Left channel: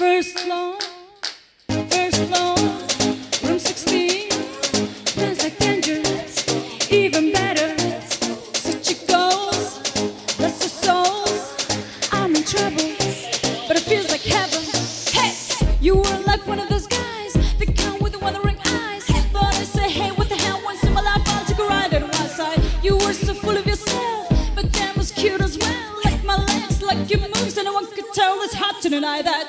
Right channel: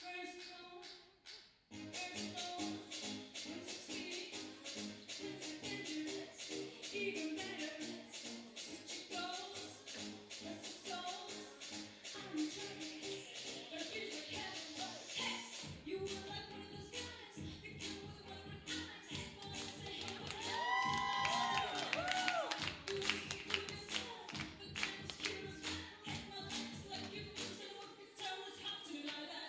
First floor, room 16. Smells like dangerous, even better. Such it goes, that's the souls. I'm in trouble, but it feels like heaven. Hey, you were like one of those guys, the count with the wandering eyes. But I say, hey, what the hell? Once in my life, I'll take a ride on one side. You were so full of yourself, but damn was cute as well. Like my legs, like your moves, and no one could tell it's hot to deny that.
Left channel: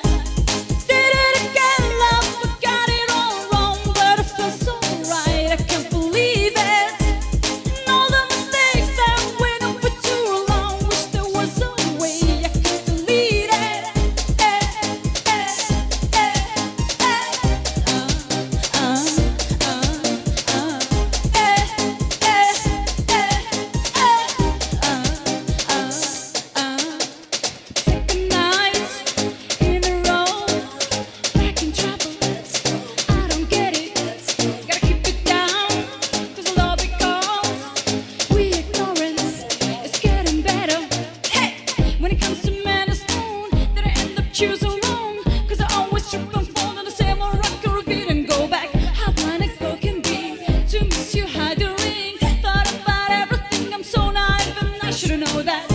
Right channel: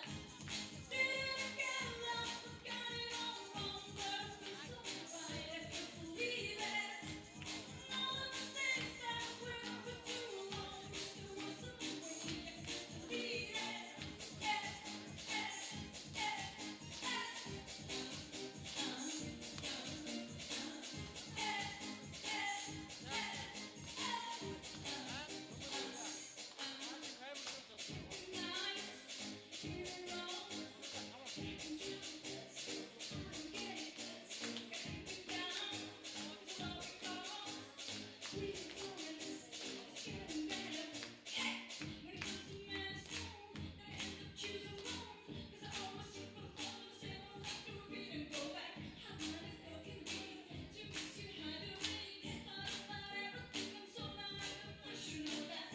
Did it again, love, but got it all wrong. But it feels so right, I can't believe it. And all the mistakes that went on for too long. Wish there was a way I could delete it. Second night in a row, back in trouble. I don't get it. Gotta keep it down, 'cause all because we ignorance is getting better. Hey, when it comes to man and stone, then I end up choosing wrong. 'Cause I always trip and fall on the same old rock or repeat and go back. How blind a girl can be to miss you hide the ring. Thought about everything, I'm so naive and I should've known that.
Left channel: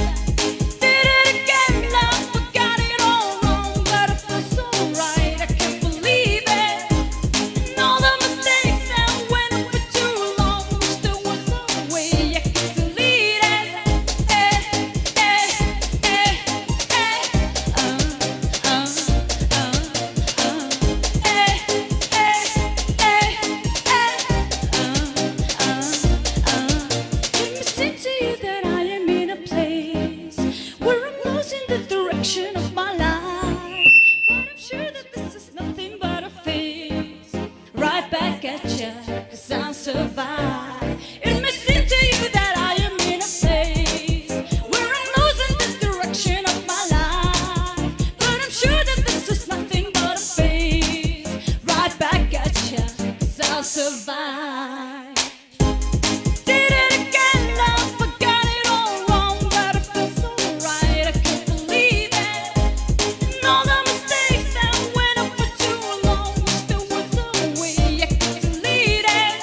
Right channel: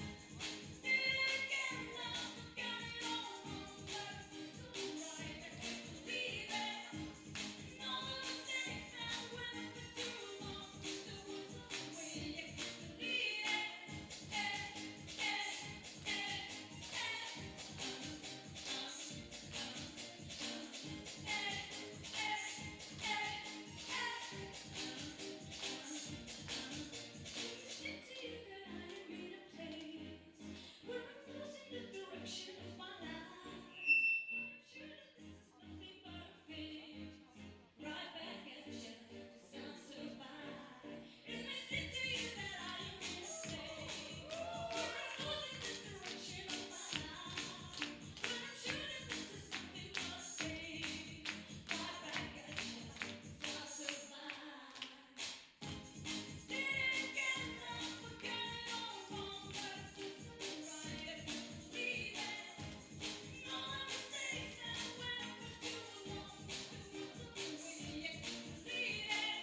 Did it again, love, but got it all wrong. But it feels so right, I can't believe it. And all the mistakes that went on for too long. Wish there was a way I could delete it. Let me say to you that I am in a place where I'm losing the direction of my life. But I'm sure that this is nothing but a phase. Right back at ya, 'cause I'll survive. It may seem to you that I am in a place where I'm losing the direction of my life. But I'm sure that this is nothing but a phase. Right back at ya, 'cause I'll survive. Did it again, love, but got it all wrong. But it feels so right, I can't believe it. And all the mistakes that went on for too long. Wish there was a way I could delete it.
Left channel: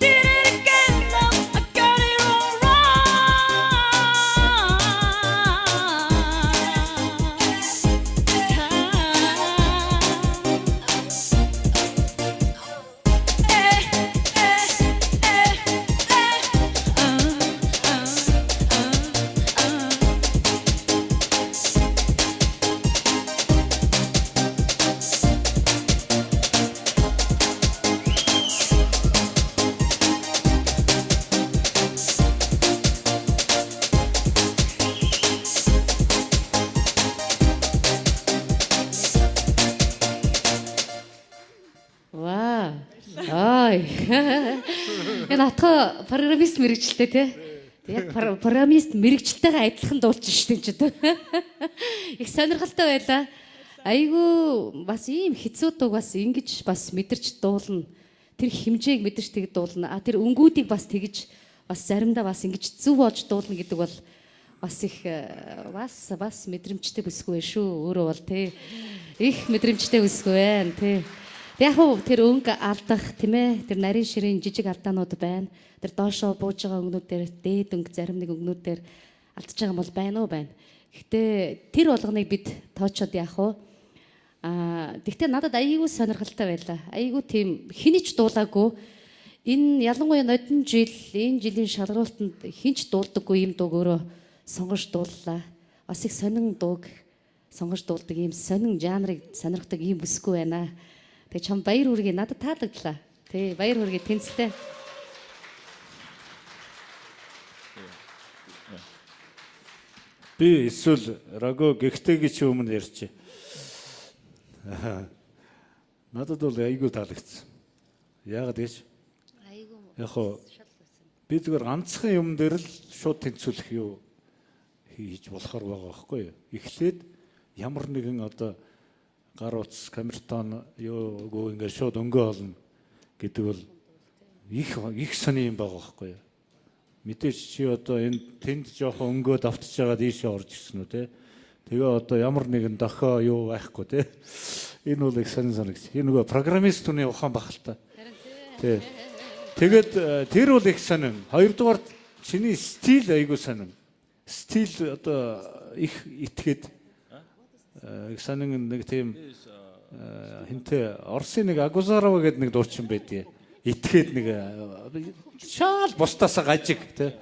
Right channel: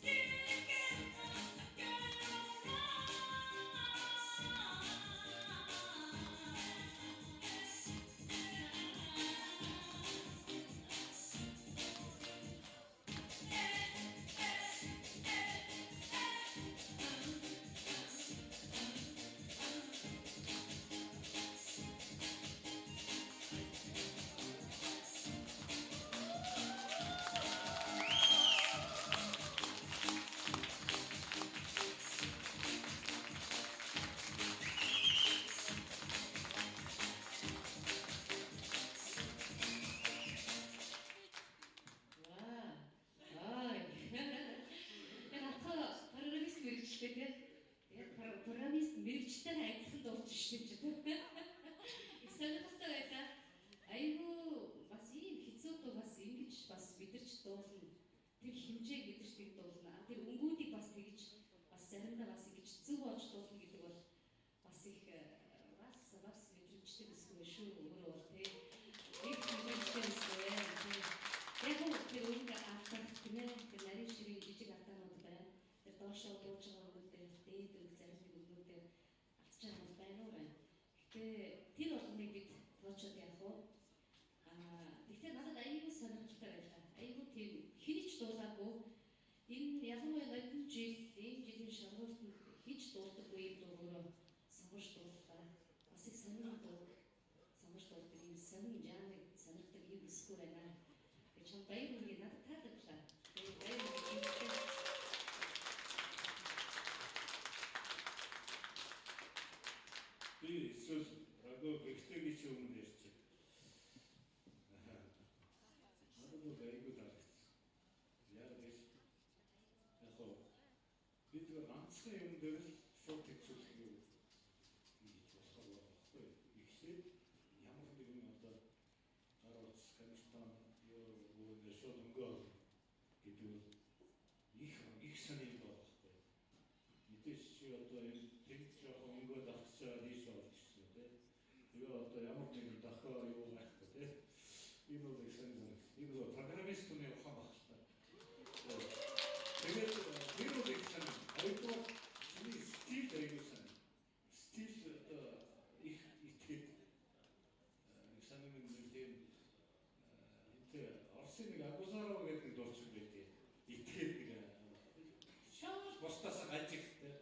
Did it again, love, I got it all Вау. Ой. Энэ отгоо программист мэрэгчлээ тий. Яг программист мэрэгчлэлтэйгээ адилхан дуулж штэ энэ ч гэдэг. Их сонирхолтой байлаа. Айгу бас ийм хэцүү дууг бас ингэж бас мэдэрч дуулна. Тэр хэмжээг мэдэрч тэг дуулна. А тэр өнгүүдийг бас тэгж бас заримдаа бас ингэж зүв болж дуулна гэдэг бол бас их бас мэдрэмжтэй бүсгүй шүү. Өөрөө бол тий. Их мэдрэмжтэй бүсгүй байна тий. Тэг яг хөө тэр өнгө алдах тийм ээ. Тэр нарийн ширийн жижиг алдаанууд байна. Тэр доошоо бууж байгаа өнгөнүүд дээр дээд өнгө зарим нэг өнгөнүүд дээр алдчихж байгаа юм бол байна уу байна. Гэхдээ тэр болгоныг бид тоочоод яах вэ? Тэгтээ надад айгүй сонирхолтой байлаа. Айгүй тийм хинэж дуулаагүй. Энэ ялангуяа нодон жил, энэ жилийн шалгуултанд хинч дуулдаггүй юм дууг өөрөө сонгож дууллаа. Бас их сонин дууг сонгож дуулдаг ийм сонин жанрыг сонирхдаг ийм бүсгүй байна. Тэгээ чам баяр хүргэе надад таалагдлаа. Тэ баяр хүргэе тэнцтэй. Би эсвэл Раго гэгтэйгийн чи өмнө ярьчих. Надад бол айгүй таалагдсан. Яагаад гэж? Айгүй. Яг хоо би зүгээр ганцхан юм дээр л шууд тэнцвүүлэх юу хийж болохоор байгаа байхгүй юу? Эхлээд ямар нэгэн одоо гар утас, камертон юу гоо ингээд шууд өнгөө олно гэдэг бол их сони юм байгаа байхгүй юу? Мэдээж чи одоо энэ тэнд жоохон өнгөө давтж байгаа дийшээ орж ирсэн үү те? Тэгээ одоо ямар нэгэн дохио юу байхгүй тий. Энэ бол их сонин санагч. Энэ нөгөө программист хүний ухаан бах л та. Тий. Тэгээд тэр бол их сонин. Хоёрдугаар чиний стил айгуу сонин. Стил одоо их итгээд их сонин нэг тийм хинтээ Орсын нэг Агузарова гэдэг нэг дуучин байдгийг итгээд нэг шал бусдаасаа гажиг тий.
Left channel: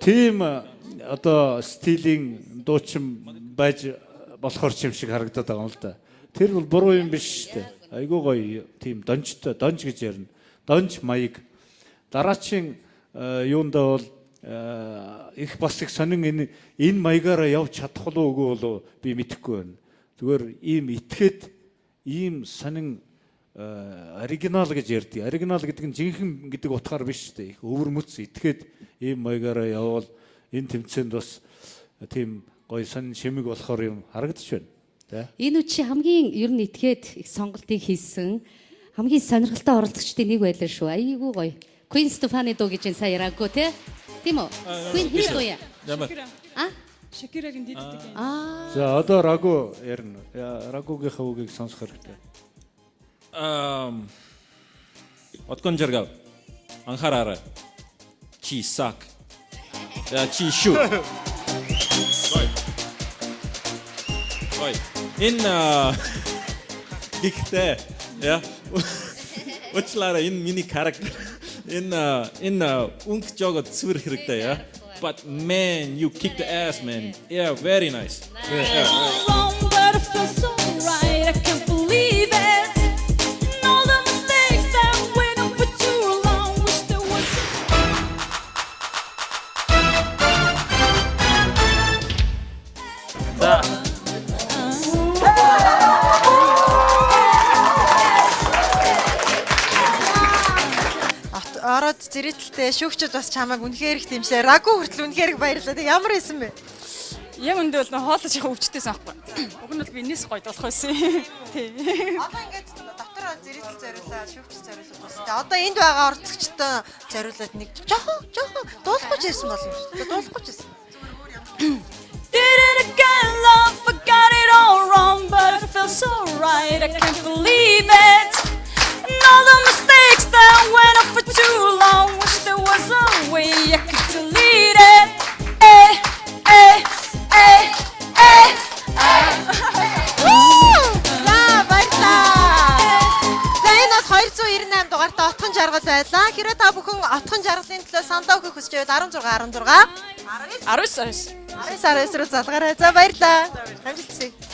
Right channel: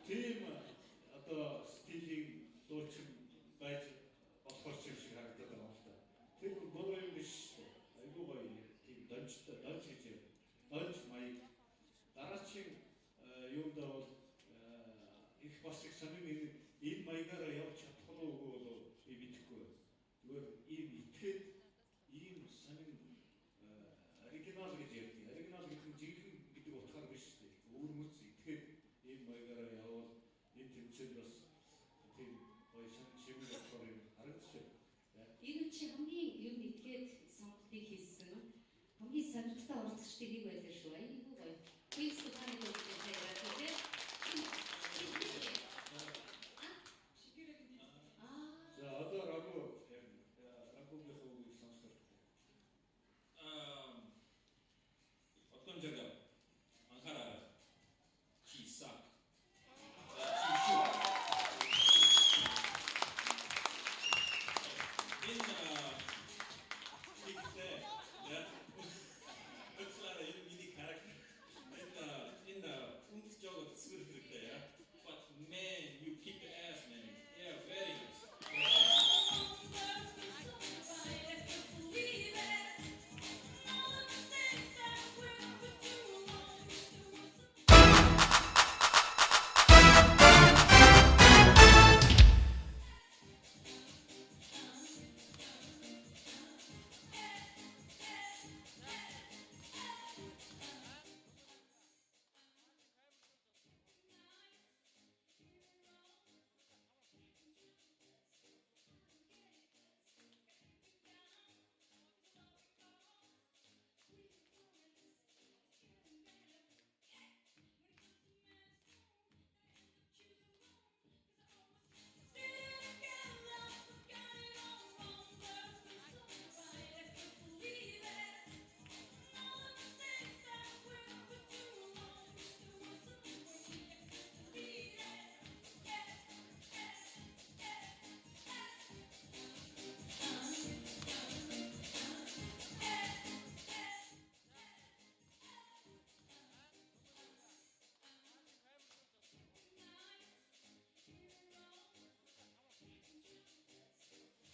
Тийм одоо стилийн дуучин байж болохоор ч юм шиг харагдаад байгаа юм л да. Тэр бол буруу юм биш шүү дээ. Айгуу гоё тийм донжтой, донж гэж ярина. Донж маяг. Дараачийн юундаа бол их бас их сонин энэ маягаараа явж чадах уу үгүй болов би мэдэхгүй байна. Зүгээр ийм итгээд ийм сонин оригинал гэж ярьдгийг. Оригинал гэдэг нь жинхэнэ гэдэг утгаар биш шүү дээ. Их өвөр мөц итгээд ийм маягаараа явбал энэ тэмцээнд бас тийм гоё сонин шимэг болохоор юм харагдаж байна. Энэ үчи хамгийн ер нь итгээд их сонголтыг хийсэн хамгийн сонирхолтой оролцогчдын нэг байлаа шүү. Айгуу гоё. Queen Stefani дуу гэж сайн яраагүй тий. Тийм үү? Queen хэр дуу яа? Шакирагийн дийддэг юм. За одоо Рагу ярина. Рагугийнхаа үгийг сонсох хэрэгтэй. Откон жаргал. Анхаараарай. Чи сак. Чи шүү. Ой. Энэ ихтэй яа. Очлаараа энэ миний характер. Энэ унк жогод сүр хэрэгтэй яа. But man, you kick the ass, man. Yeah, very nice. Yeah. Wrong, but it feels so right. I can't believe it. And all the mistakes that went on for too long. Wish there was Ороод зэрэтэлтэй шүүгчд бас чамайг үнэхээр их дэмжлээ. Рагу хүртэл үнэхээр их баярлалаа. Тэг ямар исэн бэ? яг үндэ бол хоолож их өвчтэйсэн аахгүй. Уг нь бол би энэс гоё болох байсан. Тий. Одоо ингээд дотор зэрэтэл зориулаад шүүгч зориулаад болсон. Тэг одоо энд байгаа орцогчтой зориулаад нэг жоохон дуулахгүй ч байсан бол юм шүү. Тэг дуулахгүй ч байсан. Did it again, love, forgot it all wrong, but it feels so right. I can't believe it. And all the mistakes that went on for too long. Wish there was a way I could delete it. Eh, eh, eh, eh. За баярлалаа. За энэ бол 298 дугаартай отхон жаргал байлаа. Хэрвээ та бүхэн отхон жаргалын төлөө сандаа өгөх хүсэж байвал 16 16 19 19 19 руу залгаарай. За баярлалаа. Амжилт хүсье.